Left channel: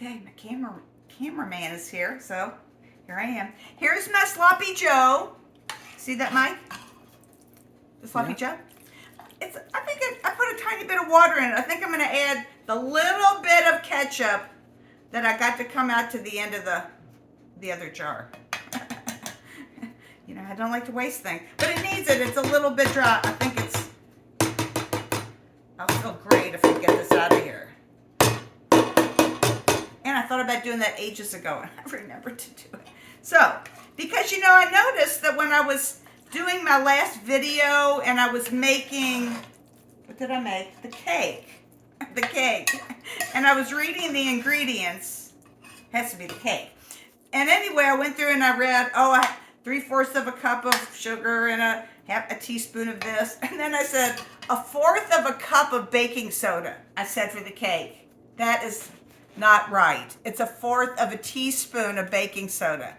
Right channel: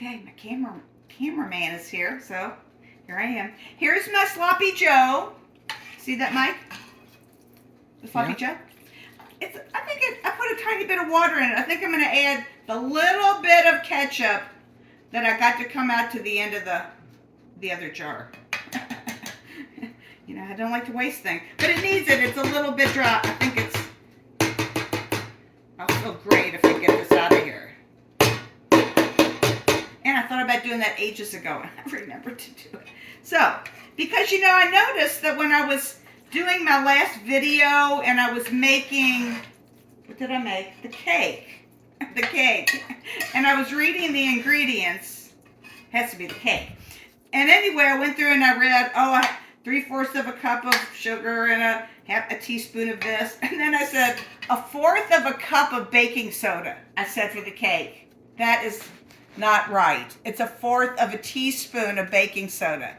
Okay, my cameraman is here, so here I am. Here's my sloppy Joe. See that, Mike? The sloppy Joe. I think I put a tiny bit of water in it. I think I'm going to add the little bit of ketchup that I got to come out to the end of the other jar. You know, I don't like to waste things, but it needs it. It's a little bit dry. I think I'll feel great if I get this out of here. And I thought about doing that ages ago, and I remembered to do it. So, because, you know, I noticed that when I was doing my last video and I was making, what did I make? The cake. The cake. And I was reading the ingredients. Has to be the cake. And anyway, I went through and I read, 3/4 of a cup of sugar and a teaspoon of this. And then I said, 1/4 of a cup of baking soda. I said for the cake. That is not right. It's 1/4 of a teaspoon of baking soda.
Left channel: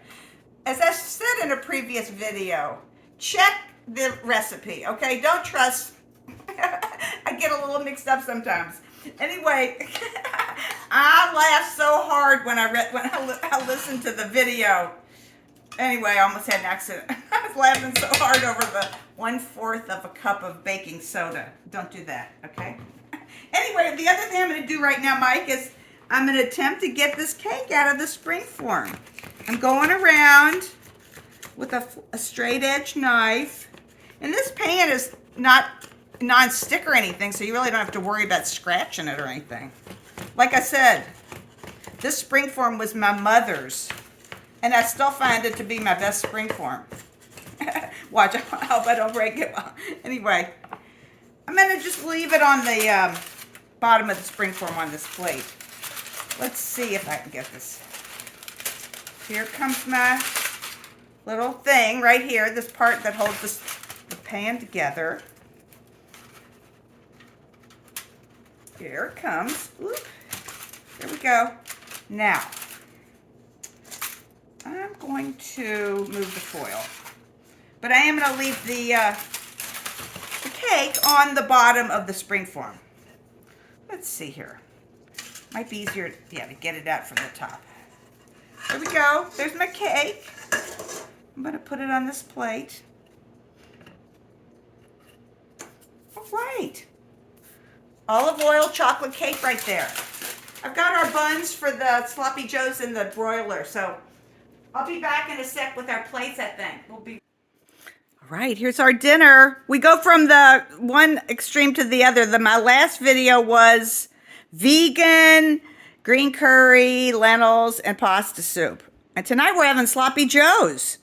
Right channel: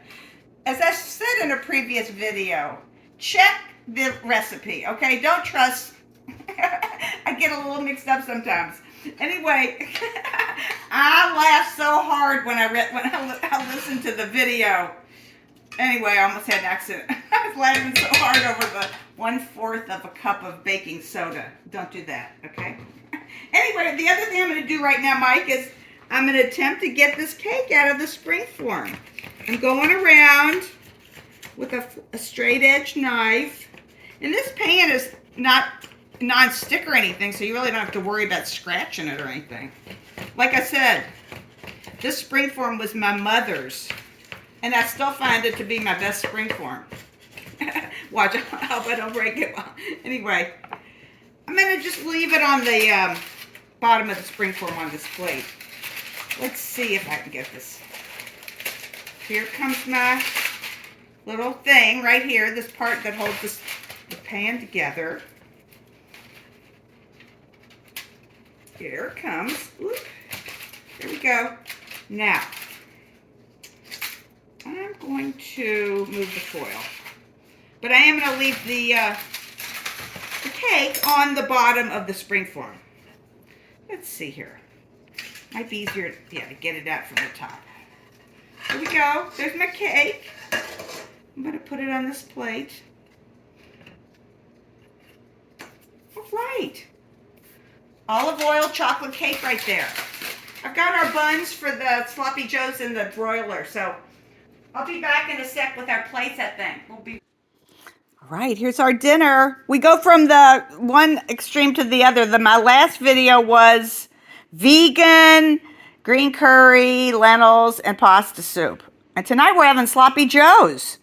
As I said in a previous video, check the recipe, okay? Don't trust. I get a little mixed up sometimes. Anyway, I laughed so hard when I listened to the video. Anyway, I almost had an accident. I was laughing so hard over the 1/4 of a cup of baking soda. Don't do that, okay? Anyway, the other thing I'm going to do right now, Mike, is I'm going to attempt to get this cake out of the spring form. I'm going around with a straight edge knife. And this pan is not non-stick or anything, so you really don't have to worry about scratching it or anything. Like I said, this spring form was my mother's, and I still find it to be my best spring form. Watch, I hope I don't break it. Anyway, I'm going to just leave it on the bottom of the spring form on this plate. Let's see if I can get this. Here comes my little thing right here, this part that holds the pan together. Here it comes. Whoop. There we go. Now, I'm going to move the foil. But I am going to leave the cake on the bottom of the spring form. Let's see here. Might be easier to get it out from the top. There we go. There's my cake. I'm going to put it on this plate. All right. Olive oil chocolate cake right there. I've got our buns for the sloppy joes in the broiler, so I'll be back in a sec with our plates, I think. All right, here's our dinner. We go from the one extreme to the other. My last video was vegan, green curry, lentils, and pasta soup. And tonight we're having sloppy joes.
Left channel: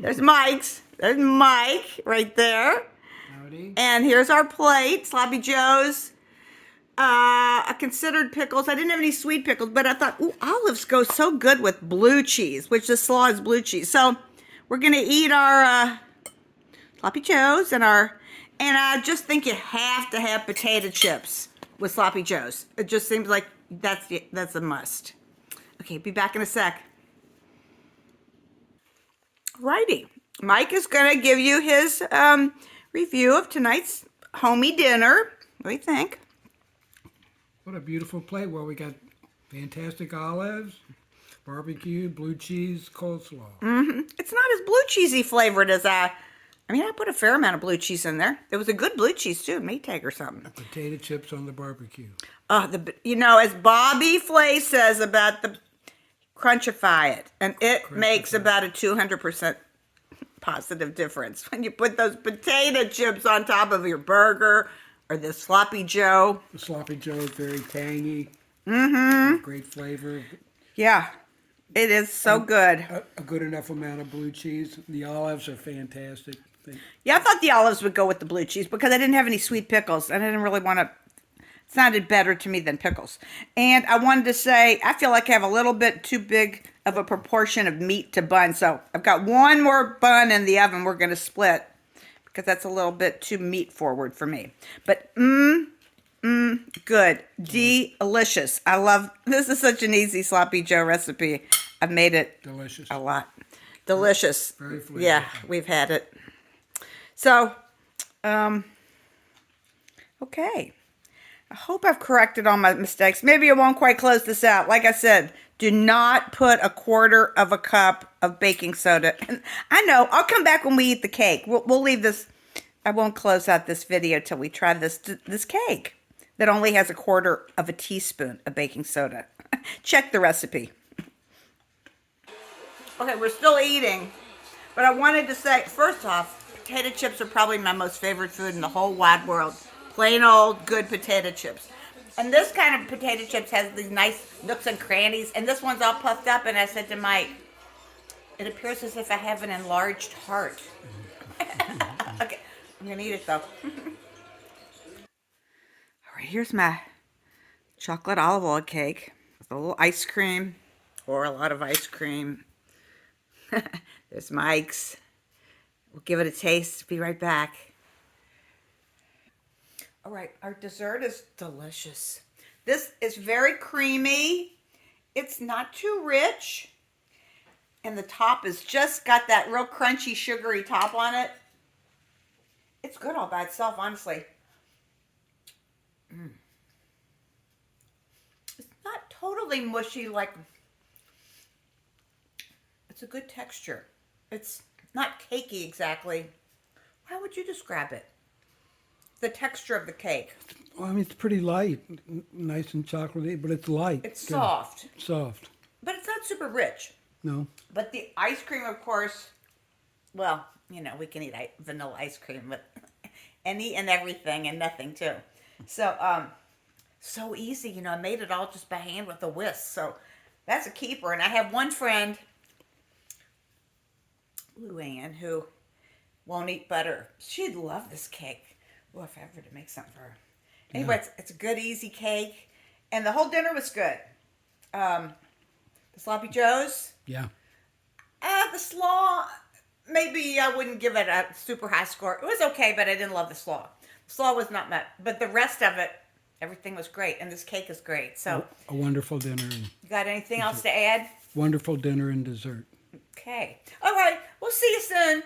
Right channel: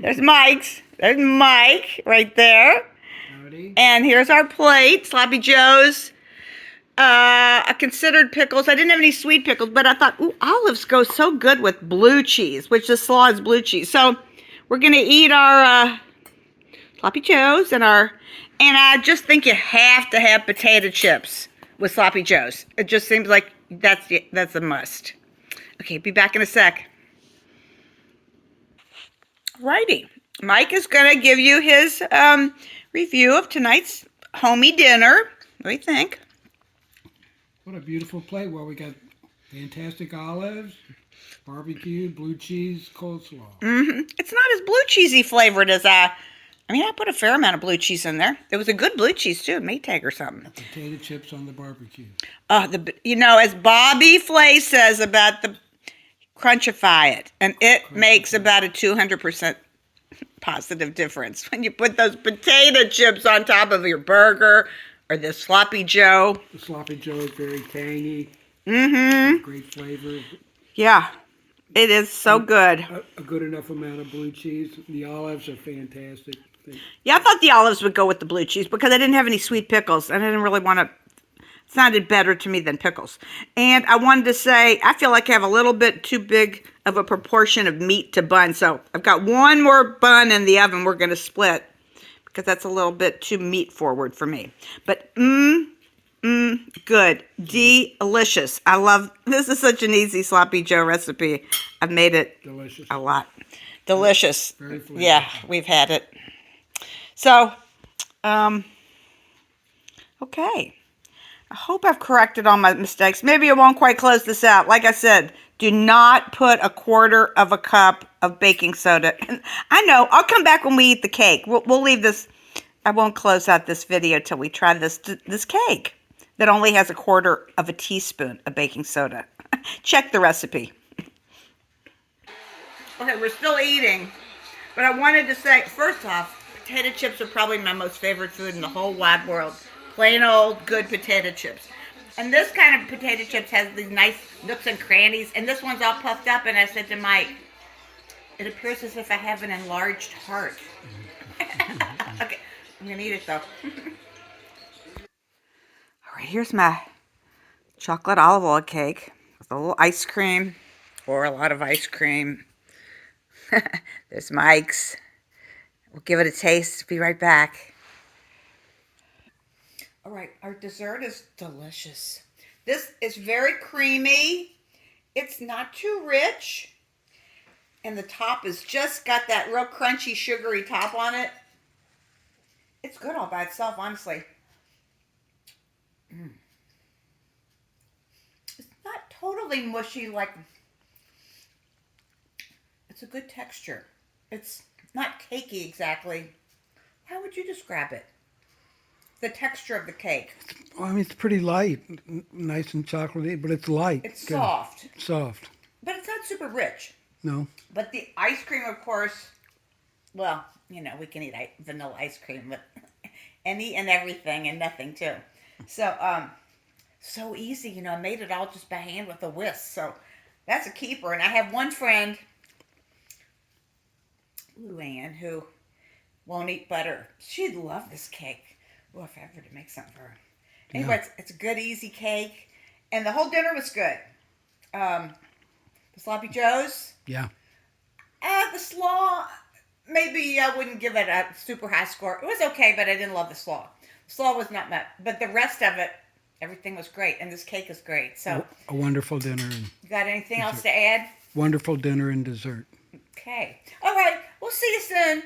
There's Mike's. There's Mike right there. Howdy. And here's our plate, sloppy joes. I considered pickles. I didn't have any sweet pickles, but I thought, ooh, olives go so good with blue cheese, which the slaw is blue cheese. So we're going to eat our sloppy joes and I just think you have to have potato chips with sloppy joes. It just seems like that's a must. Okay, be back in a sec. Righty. Mike is going to give you his review of tonight's homey dinner. What do you think? What a beautiful plate. Well, we got fantastic olives, barbecue, blue cheese, coleslaw. Mm-hmm. It's not as blue cheesy flavored as I put a fair amount of blue cheese in there. It was a good blue cheese too, Maytag or something. Potato chips on the barbecue. As Bobby Flay says about the crunchify it, and it makes about a 200% positive difference when you put those potato chips on top of your burger or the sloppy joe. The sloppy joe is very tangy. Mm-hmm. Great flavor. Yeah, it is so good. A good enough amount of blue cheese. The olives are fantastic. Yeah, I thought the olives would go with the blue cheese because I didn't have any sweet pickles, and I didn't really want to. It sounded better to me than pickles. And I wanted to say, I feel like I have a little bit too big of a proportion of meat to bun. So I've got one more bun in the oven we're going to split because that's a little bit too meat forward for me. But, good. Delicious. I love, this is such an easy sloppy joe recipe. I've made it Delicious. a lot. Delicious. Very flavorful. Yeah, we've had it. So, okay. I hope I've corrected all my mistakes. Maybe I won't quite close this out. Like I said, do not put 1/4 of a cup of baking soda. And I know, I'll come back when we eat the cake. We'll leave this. I won't close out this video till we try this cake that only has 1/4 of a teaspoon of baking soda. Check the recipe. Okay, we're still eating, but I wanted to say, first off, potato chips are probably my most favorite food in the whole wide world. Plain old good potato chips. And this kind of potato chips has these nice nooks and crannies, and this one's all puffed up, and I said to Mike, it appears as if I have an enlarged heart. Okay, I'm gonna eat it though. All right, here's my chocolate olive oil cake with a little ice cream, or a lot of ice cream. There's Mike's. We'll give it a taste. Be right back. All right, our dessert is delicious. This is very creamy. It's not too rich. And the top has just got that real crunchy, sugary top on it. It's good all by itself, honestly. It's not totally mushy like... It's a good texture. It's not cakey exactly. How would you describe it? The texture of the cake. Well, I mean, it's pretty light, nice and chocolatey, but it's light. It's Good. soft. Soft. But it's not super rich. No. But the ice cream, of course, well, you know, we can eat vanilla ice cream with any and everything and nothing too. So, so easy, you know, I made it all just by hand with a whisk. So that's a keeper. And I have one friend, Luann, who won't eat butter. She'd love this cake. Oh, if I ever to make something for her. Anyway, Yeah. it's a good, easy cake. And the whole dinner was good. The sloppy joes. Yeah. The slaw, maybe I wouldn't give it a super high score. It was okay, but I didn't love the slaw. The slaw was not much. But the rest of it, everything was great. And this cake is great. So, A wonderful dinner and you got anything else to add? wonderful dinner and dessert. Okay. All right. We'll see you soon.